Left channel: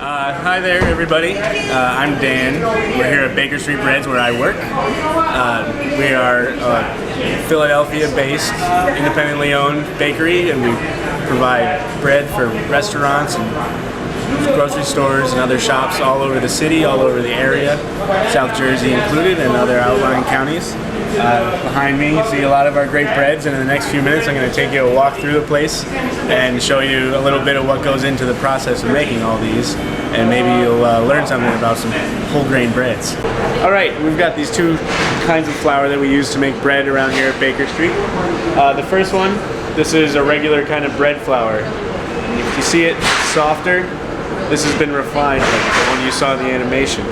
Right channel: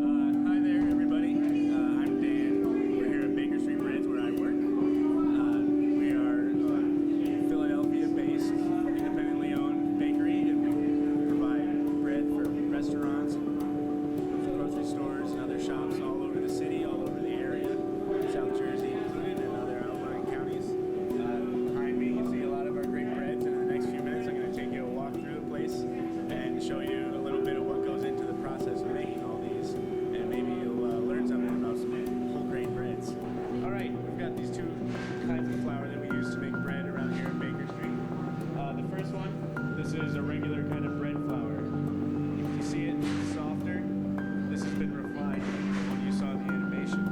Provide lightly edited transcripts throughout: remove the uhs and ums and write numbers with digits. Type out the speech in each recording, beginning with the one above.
Hi there, everybody. I'm Dan. We're here at Baker Street Breads, where I work. We are a Philadelphia-based, independently owned bakery, and we provide bread for restaurants and grocery stores and other shops all over the city, all over the area, South Jersey included, and other outlying counties. Behind me, you see a lot of our great breads, and in the next few minutes I'm going to take you a walk through the place and show you a little bit of what goes into the process of making all these, and maybe you'll learn something about some whole grain breads. Alright, we've got these two kinds of flour that we use to make bread around here at Baker Street. The first one, this is a regular kind of bread flour. If you see it softer, this has been refined like the one you saw in the animation.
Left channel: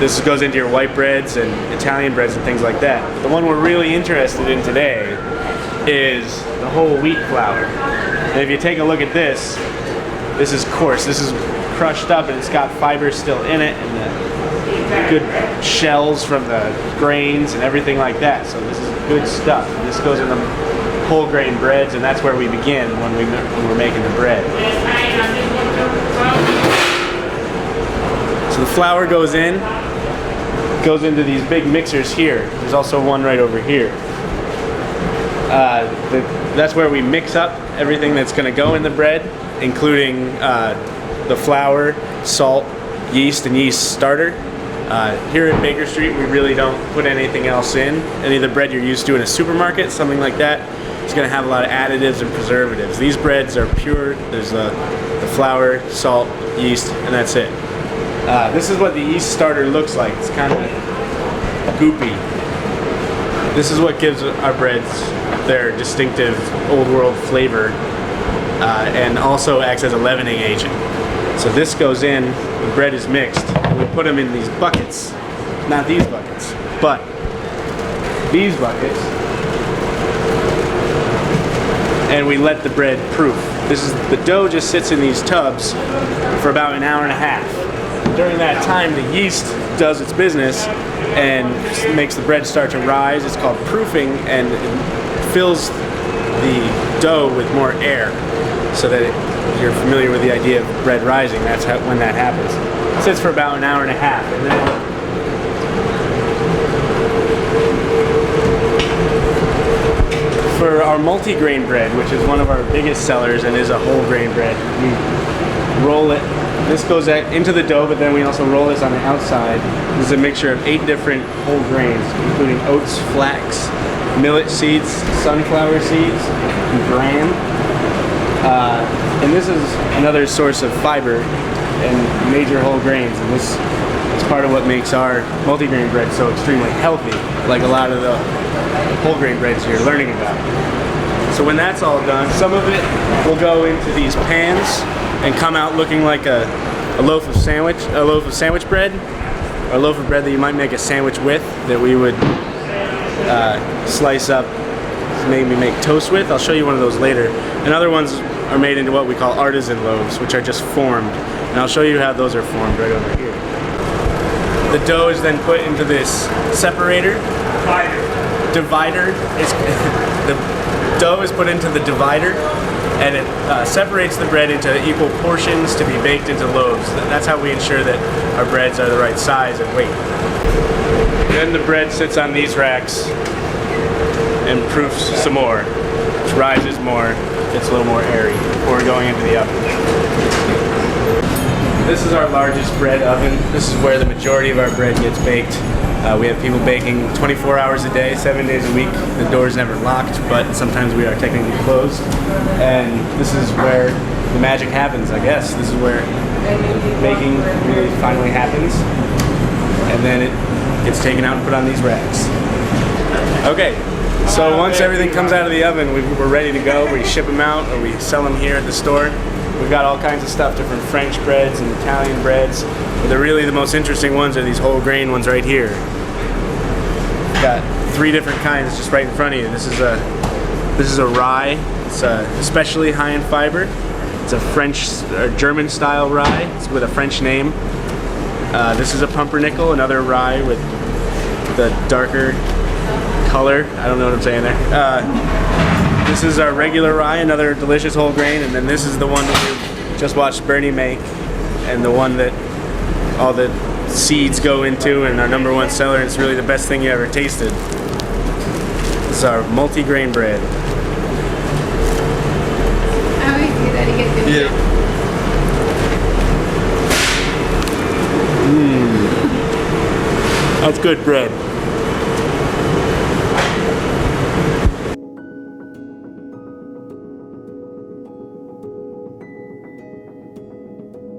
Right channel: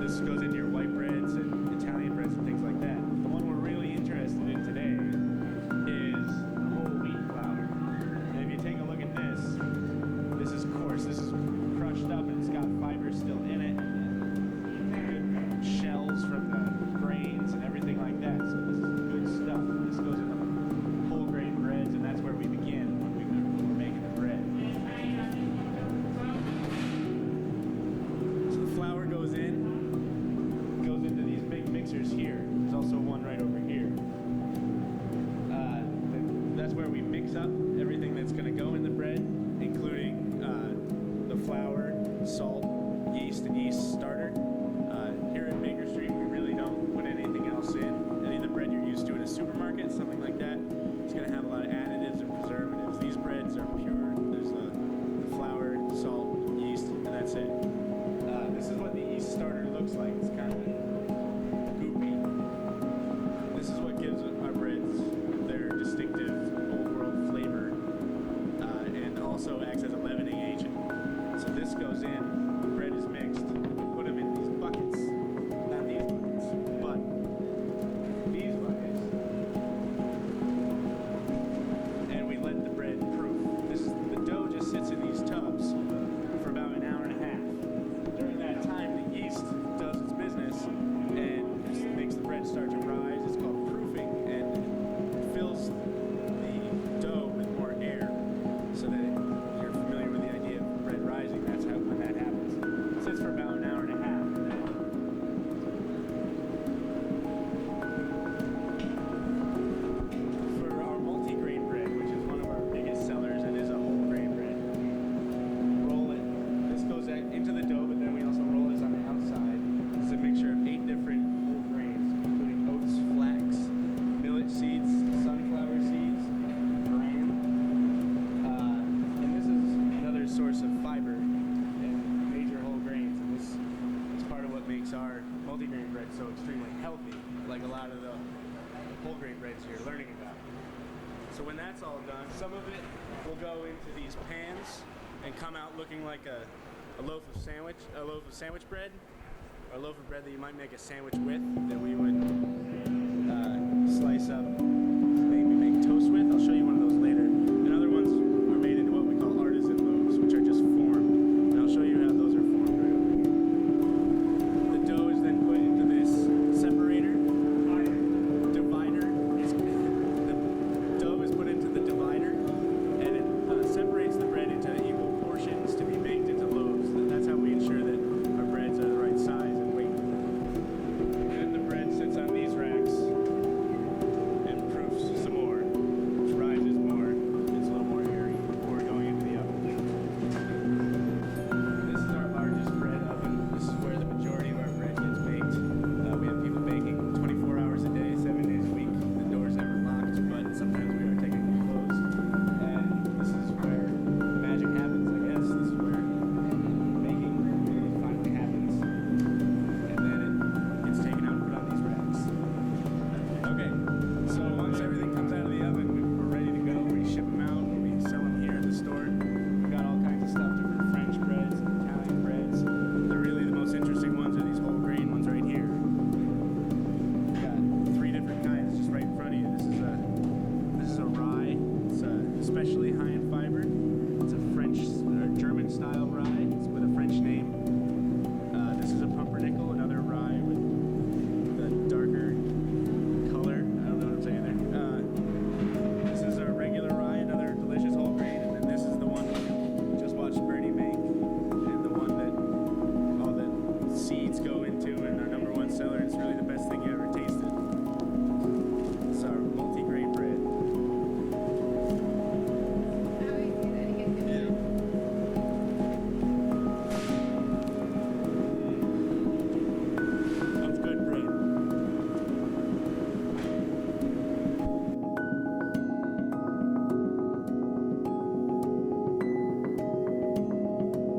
This goes into your white breads and Italian breads and things like that. But the one we're really interested in today is the whole wheat flour. And if you take a look at this, this is coarse. This is crushed up and it's got fiber still in it and the good shells from the grains and everything like that. So this is good stuff. And this goes in the whole grain breads, and that's where we begin when we're making the bread. So the flour goes into these big mixers here. There's also one right over here. That's where we mix up everything that's going to go in the bread, including the flour, salt, yeast, and yeast starter. Here at Baker Street, we really don't put anything else in. Any of the bread you're used to in a supermarket, something like that, it's going to have a lot of additives and preservatives. These breads are pure. There's the flour, salt, yeast, and that's it. This is what the yeast starter looks like. It's kind of goopy. This is what gives our breads their distinctive old world flavor, and also acts as a leavening agent. So this goes in, the bread is mixed, and we put them in these buckets. Not these buckets, but these buckets. And we let the bread proof. The dough just sits in these tubs for about an hour and a half. During that time, the yeast does its business and makes the bread start to rise. It's called proofing, and it fills the dough with more air, so that you're familiar with the idea of bread rising. That's when that happens. It sits for about an hour and a half, and then for our multi-grain bread, which is one of our biggest sellers and is a whole grain bread, we roll it. This goes into the dough, but then we also roll this on the outside. This is a mixture of 8 different whole grains, including oats, flax, millet seeds, sunflower seeds, and gram. And this is another source of fiber and major whole grains. And this is part of what makes our multi-grain bread so extremely healthy, like a lot of the whole grain breads you're learning about. So when that's all done, some of it will go into these pans and come out looking like a loaf of sandwich bread, or a loaf of bread that you might make a sandwich with, that we would slice up, maybe make toast with. I'll show you one of those later. And other ones are made into what we call artisan loaves, which are just formed. And I'll show you how those are formed right over here. The dough is then put into this separator. Divider. The dough is put into the divider, and it separates the bread into equal portions to be baked into loaves. And that's how we ensure that our breads are the right size and weight. Then the bread sits on these racks and proofs some more, which rises more, gets a little more airy before going into the oven. This is our largest bread oven. This is where the majority of our bread gets baked. We have people baking 24 hours a day, 7 days a week. The door's never locked, but sometimes we are technically closed. And this is where the magic happens, I guess. This is where baking really finally happens. And then it gets taken out and put on these racks. Okay, so once everything comes out of the oven, we're ready to go. We ship them out, or we sell them here at the store. We've got all kinds of stuff, different French breads and Italian breads. But the most interesting ones are these whole grain ones right here. We've got 3 different kinds just right in front of you. This is a rye. It's especially high in fiber. It's a French or German style rye. It's with a French name. This is a pumpernickel, another rye with the darker color. I don't know what I'm saying there. This is our regular rye, another delicious whole grain, and then this is the one that we just watched Bernie make, and the one that all the seeds go into, and our #1 seller. And it's really the best thing you ever tasted. This is our multi-grain bread. How easy that he gets good. Yeah. That's good bread.